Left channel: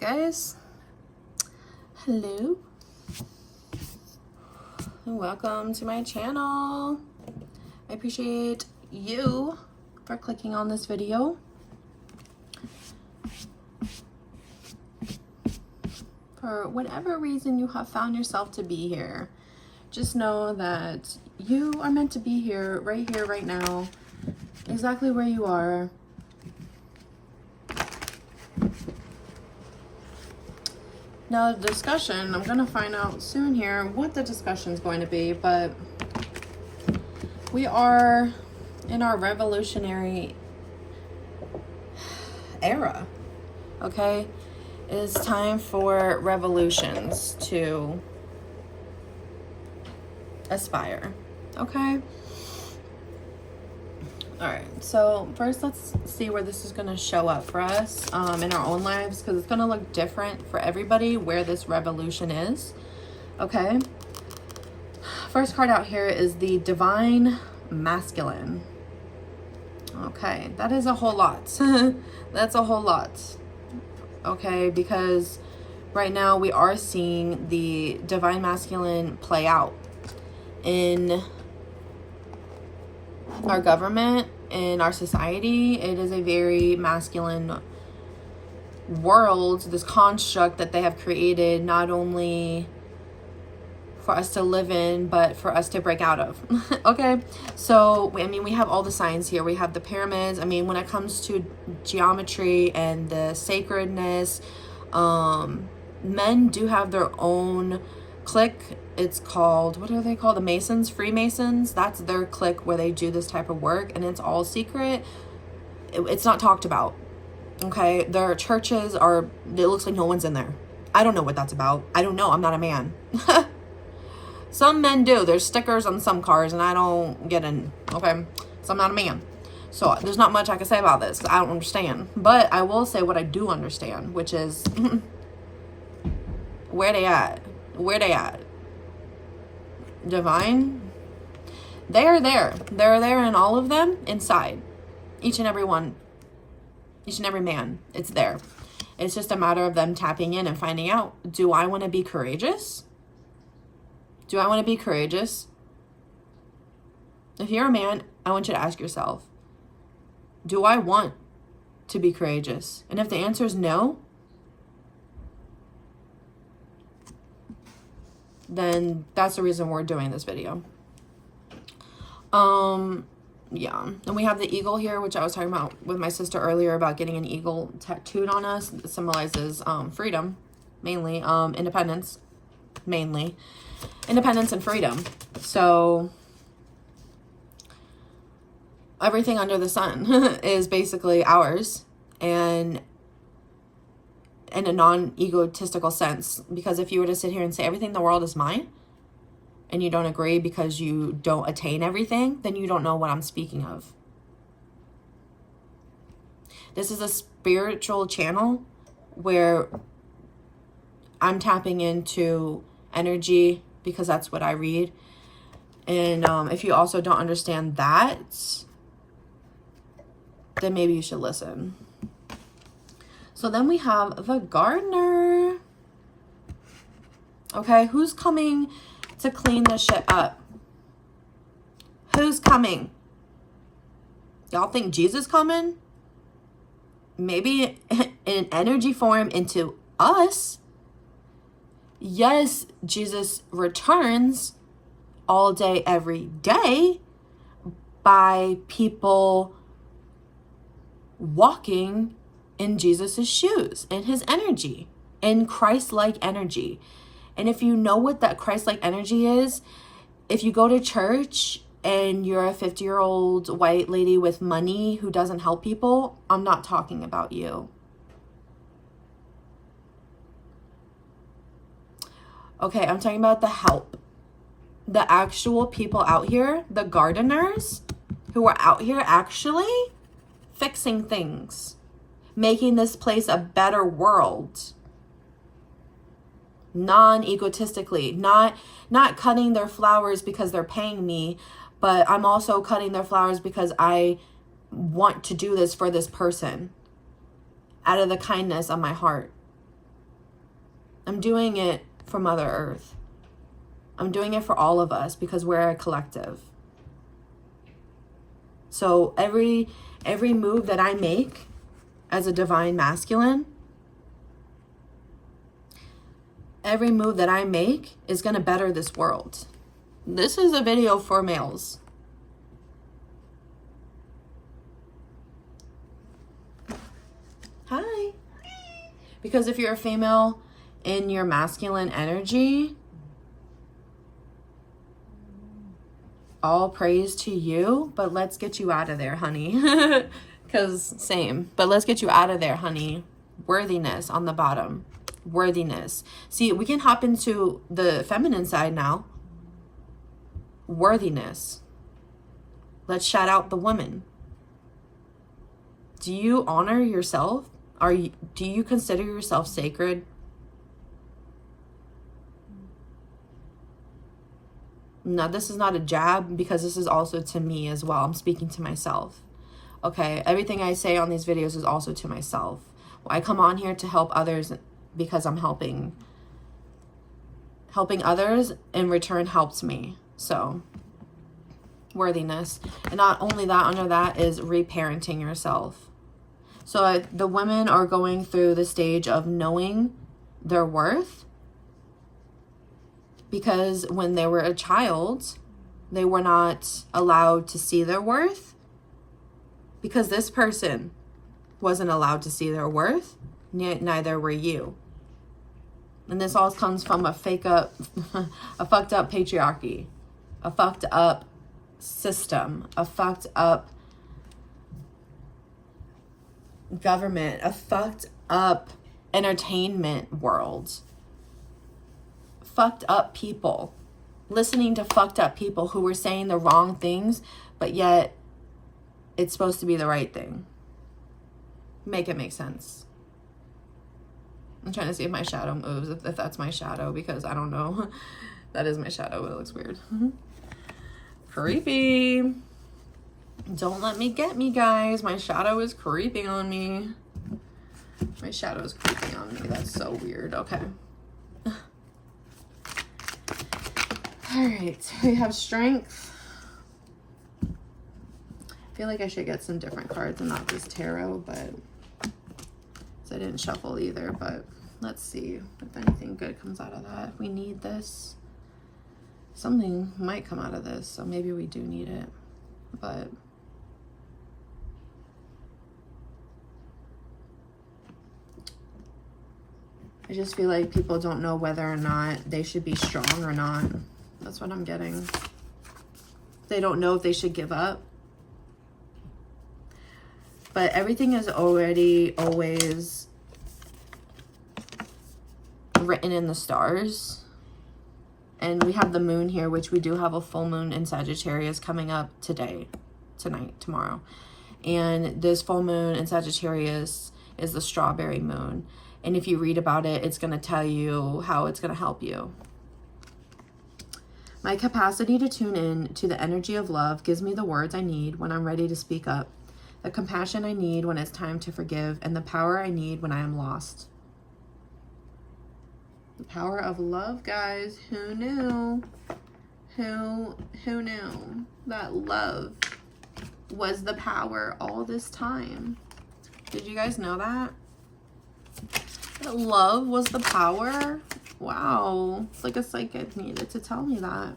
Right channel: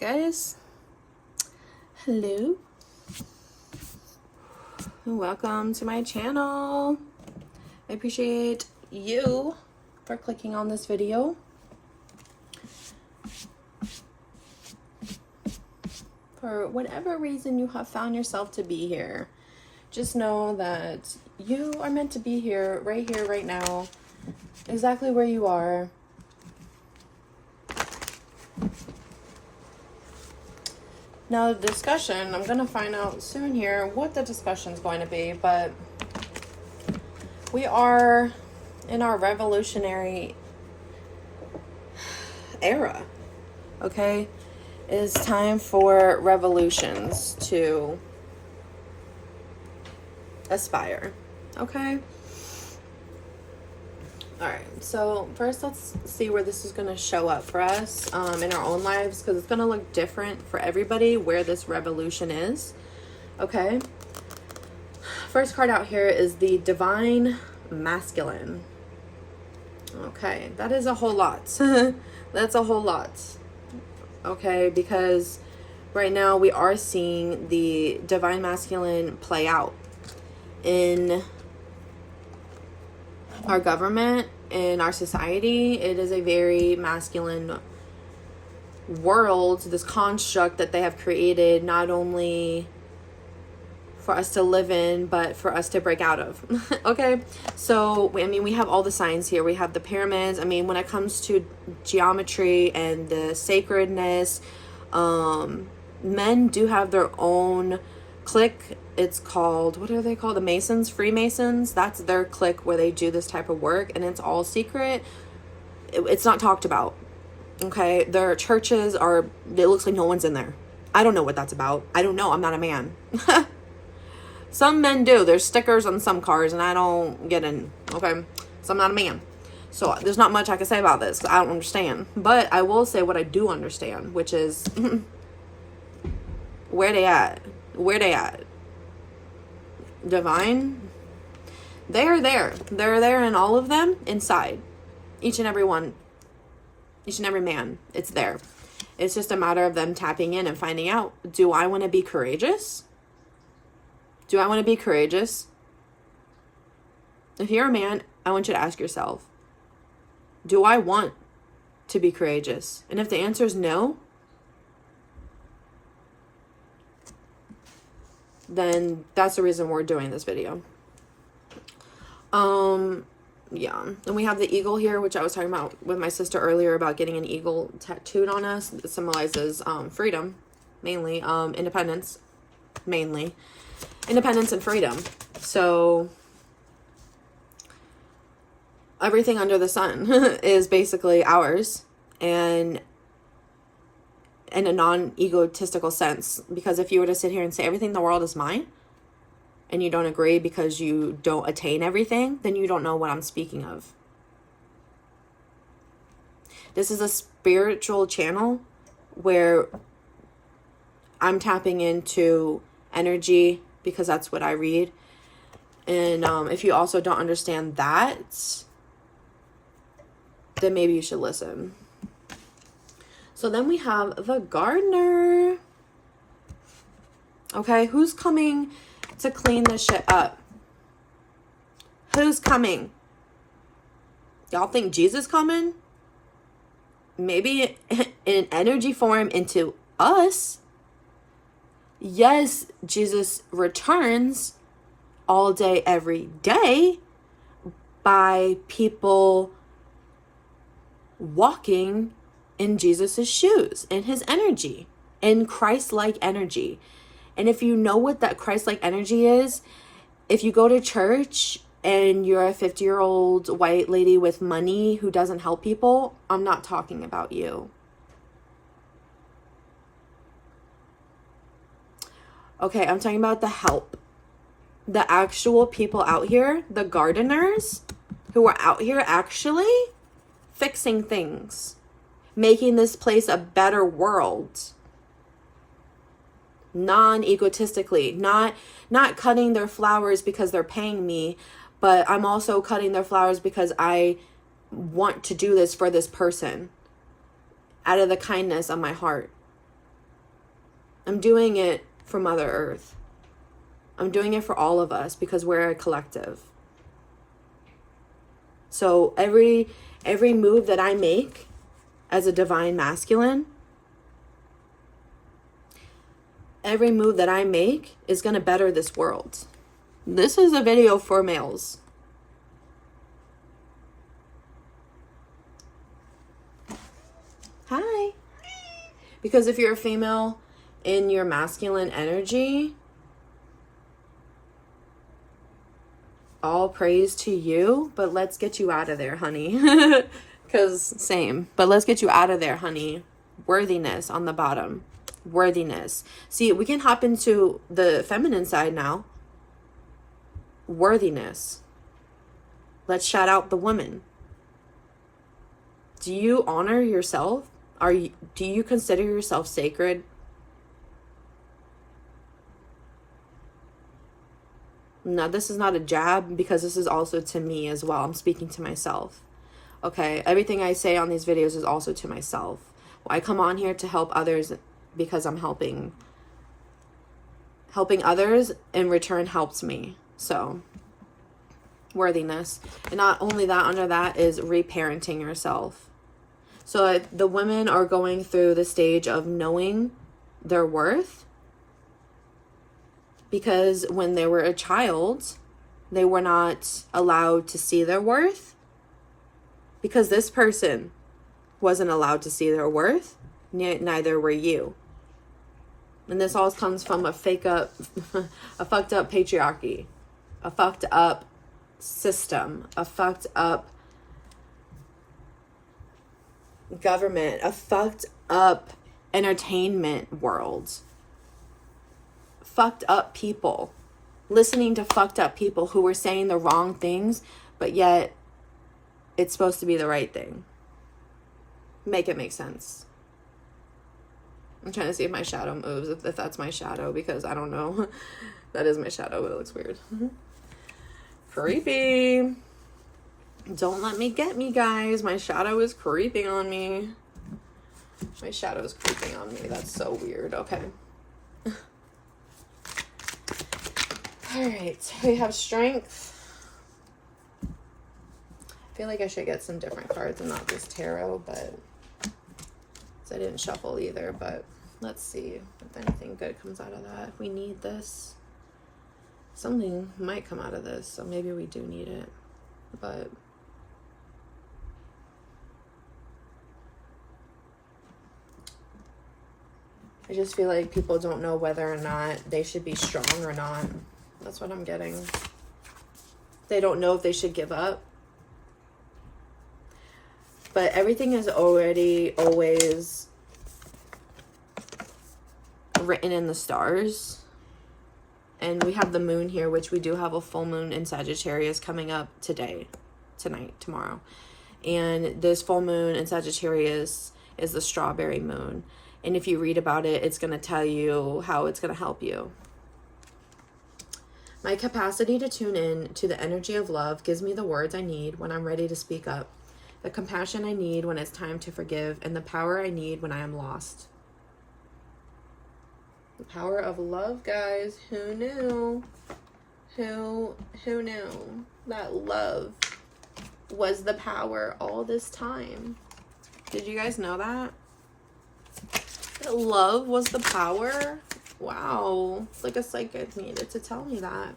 Guys, hello and welcome to my channel. I appreciate you for clicking on this video. For whatever reason you have found yourself to be here, just know that you are meant to be here, right now, exactly where you are. Now the discussion, I'm going to find out soon here what the discussion is going to be, but we are in our revolutionary era, okay? It's time for revolutions to aspire, okay? All right, so first let's see where this is going to show up for us in our own lives, because it's going to look different for everybody where this revolution is, okay? First card out here is the Divine Masculine. Okay, that is a whole lot. That's a whole lot, okay? Because right now we are seeing the Divine Masculine play out in our government, in our society. It is a very masculine world, this construct that they have created, not only for us to live in, but for us to break out of. Okay, so I mean, we have all the signs here. We have the pyramids. I mean, when it comes to geometry and the sacredness, men do have their own clique. It's called, what are they called? The Masons, Freemasons. That's their clique where they do this type of work, and it's all secret. It's not talked about, okay? Their churches are, it looks like no one's in there. I don't know what that's about. I don't know. I'm not a man. Some men do. There's stickers on some cars, and I don't get in, okay? So I'm not a man. So there's not much I can say about this. I don't understand. But I will say what I do understand, which is where they at? Where they at? Divine, they're there. They're there in all of them, inside. Each and every one. Each and every man. It's there. It's just a matter of them tapping in and finding out, do I want to be courageous? Do I want to be courageous? If you're a man, I want you to ask yourself, do I want to be courageous? And if the answer is no, then that's the reason we're doing this video. Yeah. And we have the eagle here, which I was talking about with my sister earlier about getting an eagle tattooed on us. It symbolizes freedom, mainly, independence, mainly. Independence and freedom. So everything under the sun is basically ours, and in a non-egotistical sense, because if you were to sit here and say everything in the world is mine, and you don't agree because you don't attain everything, then you don't know what I'm speaking of. This is a spiritual channel where I'm tapping into energy, because that's what I read. And if you also don't understand that, then maybe you should listen. So then we have the gardener. Okay, who's coming to clean this shit up? Who's coming? Y'all think Jesus coming? Maybe in energy form into us. Yes, Jesus returns all day, every day by people walking in Jesus's shoes, in his energy, in Christ-like energy. And if you know what that Christ-like energy is, if you go to church and you're a 50-year-old white lady with money who doesn't help people, I'm not talking about you. Okay, I'm talking about the help. The actual people out here, the gardeners who are out here actually fixing things, making this place a better world. Non-egotistically, not cutting their flowers because they're paying me, but I'm also cutting their flowers because I want to do this for this person out of the kindness of my heart. I'm doing it for Mother Earth. I'm doing it for all of us because we're a collective. So every move that I make as a divine masculine, every move that I make is going to better this world. This is a video for males. Hi. Because if you're a female in your masculine energy, all praise to you, but let's get you out of there, honey. Because same, but let's get you out of there, honey. Worthiness on the bottom. Worthiness. See, we can hop into the feminine side now. Worthiness. Let's shout out the women. Do you honor yourself? Do you consider yourself sacred? No, this is not a jab because this is also to me as well. I'm speaking to myself. Okay, everything I say on these videos is also to myself. I come on here to help others because I'm helping others in return helps me. So, worthiness. And not only that, under that is reparenting yourself. So the women are going through the stage of knowing their worth. Because when they were a child, they were not allowed to see their worth. Because this person wasn't allowed to see their worth, neither were you. And this all comes from a fucked up patriarchy, a fucked up system, a fucked up government, a fucked up entertainment world. Fucked up people, listening to fucked up people who were saying the wrong things, but yet it's supposed to be the right thing. Make it make sense. I'm trying to see if my shadow moves, if that's my shadow, because I don't know. That is my shadow, but it looks weird. Creepy. Don't let me get me, guys. My shadow is creeping on me. My shadow is creeping on me. That's so weird. Okay. All right, we have strength. I feel like I should get some different cards and not just tarot, but I didn't shuffle either, but let's see if anything good comes out of that. We need this. Something might come out of this, so maybe we do need it, but I just feel like people don't know whether or not they should be strong or not. That's what I'm getting. They don't know if they should give up. But everything is already always written in the stars. And we have the moon here, which we do have a full moon in Sagittarius coming up tonight, tomorrow. And this full moon in Sagittarius is the strawberry moon. And if you read about it, it's going to tell you how it's going to help you. My capacity to tune in to the energy of love gives me the words I need when I'm ready to speak up, the compassion I need when it's time to forgive, and the power I need when I am lost. The power of love, guys. Who knew? Who knew that love was the power all this time? Did you guys know that? That love was the power? Wow. It's like a psychic needed to tell me that.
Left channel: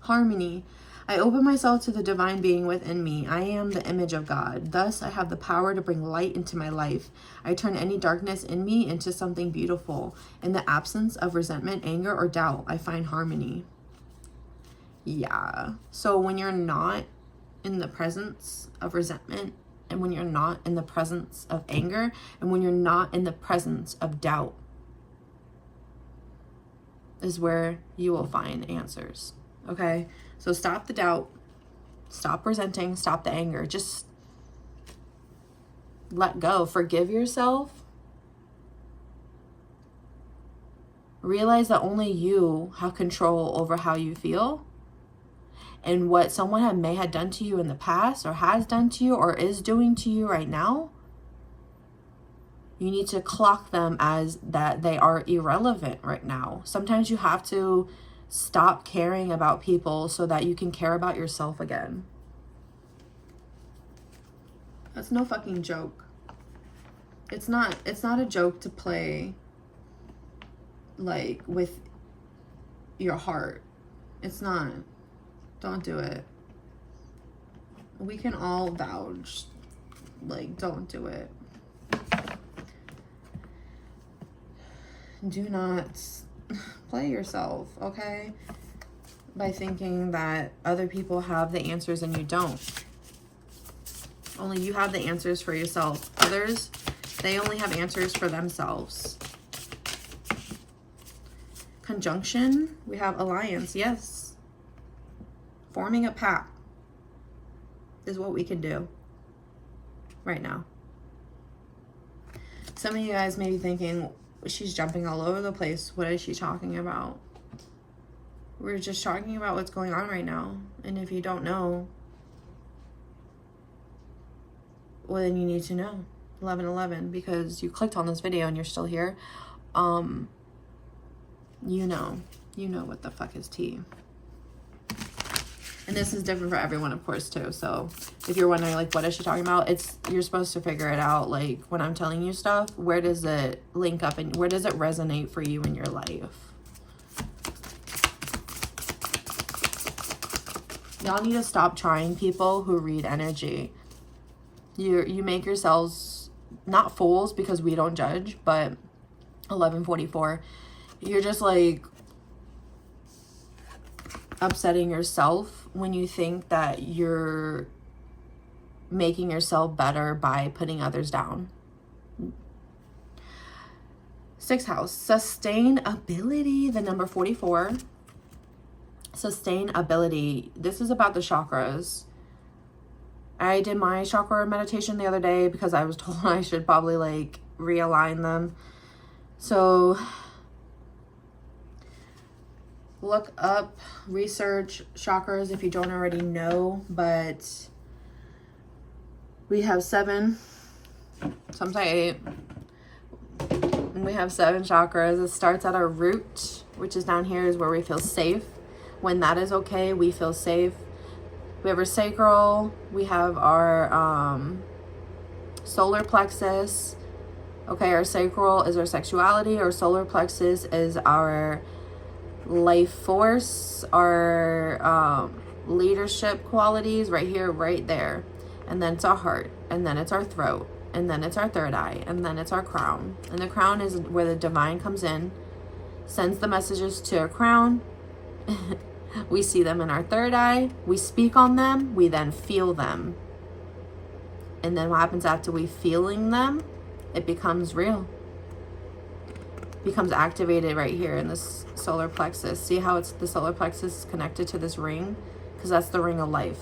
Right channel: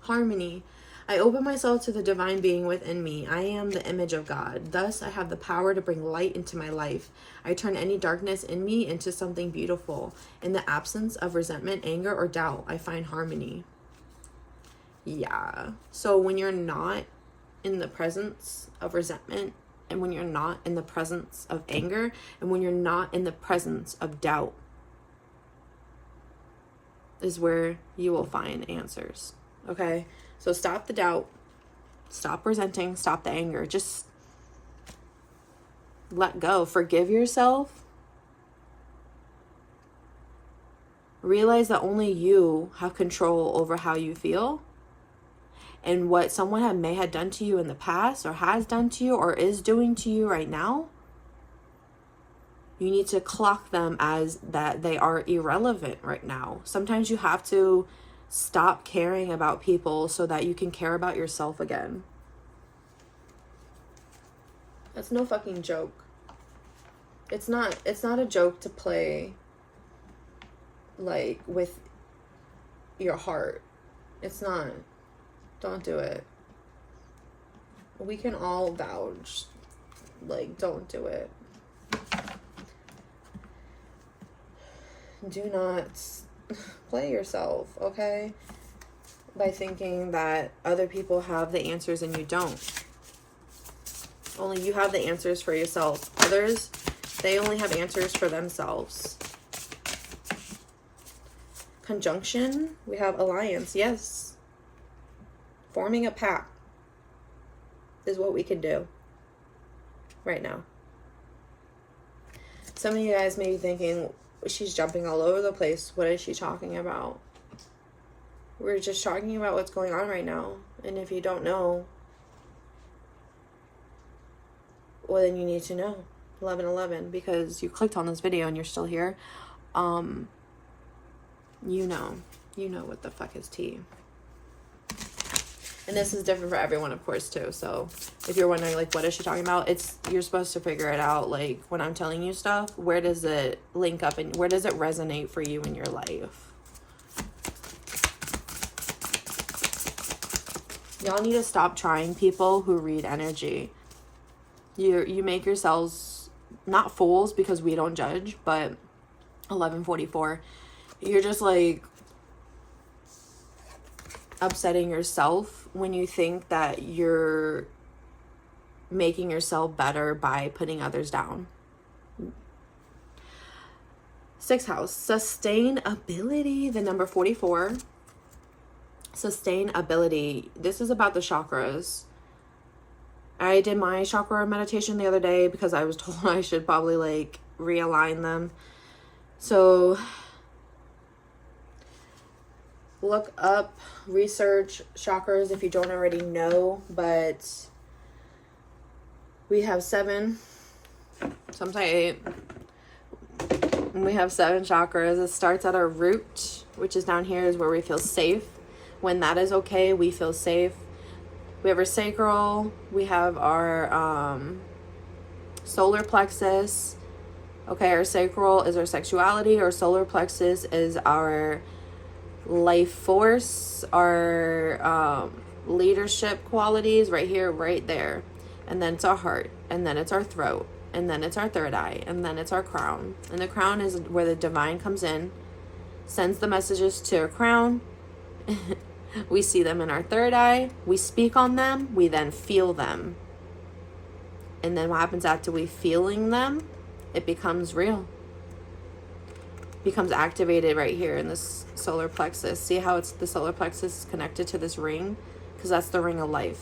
Harmony. I open myself to the divine being within me. I am the image of God. Thus, I have the power to bring light into my life. I turn any darkness in me into something beautiful. In the absence of resentment, anger, or doubt, I find harmony. Yeah. So when you're not in the presence of resentment, and when you're not in the presence of anger, and when you're not in the presence of doubt, is where you will find answers. Okay? So stop the doubt, stop resenting, stop the anger. Just let go. Forgive yourself. Realize that only you have control over how you feel. And what someone may have done to you in the past, or has done to you, or is doing to you right now, You need to clock them as that they are irrelevant right now. Sometimes you have to stop caring about people so that you can care about yourself again. That's no fucking joke. It's not a joke to play like with your heart. It's not. Don't do it. We can all vouch. Like, don't do it. Do not play yourself, okay? By thinking that other people have the answers and you don't. Only you have the answers for yourself. Others, they only have answers for themselves. Conjunction, we have alliance, yes. Forming a pact is what we can do right now. Some of you guys may be thinking, she's jumping all over the place. What is she talking about? We're just talking about what's going on right now. And if you don't know, well, then you need to know. 1111, because you clicked on this video and you're still here. You know what the fuck is tea. And this is different for everyone, of course, too. So if you're wondering, like, what is she talking about? You're supposed to figure it out. Like, when I'm telling you stuff, where does it link up and where does it resonate for you in your life? Y'all need to stop trying people who read energy. You make yourselves not fools, because we don't judge, but 1144. You're just like upsetting yourself when you think that you're making yourself better by putting others down. 6th house, sustainability, the number 44. Sustainability. This is about the chakras. I did my chakra meditation the other day because I was told I should probably like realign them. So look up, research chakras if you don't already know, but we have 7, some say 8. We have 7 chakras. It starts at our root, which is down here, is where we feel safe. When that is okay, we feel safe. We have our sacral, we have our solar plexus. Okay, our sacral is our sexuality, our solar plexus is our life force, our leadership qualities, right here, right there. And then it's our heart, and then it's our throat, and then it's our third eye, and then it's our crown. And the crown is where the divine comes in, sends the messages to our crown. We see them in our third eye, we speak on them, we then feel them. And then what happens after we feeling them? It becomes real. Becomes activated right here in this solar plexus. See how it's the solar plexus is connected to this ring? Because that's the ring of life.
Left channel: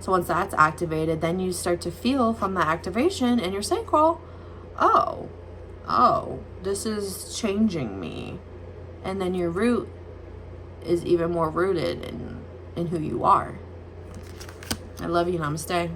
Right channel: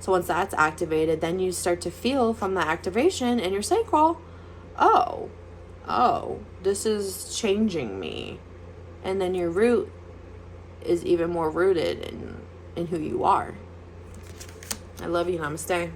So once that's activated, then you start to feel from the activation in your sacral, oh, this is changing me. And then your root is even more rooted in who you are. I love you. Namaste.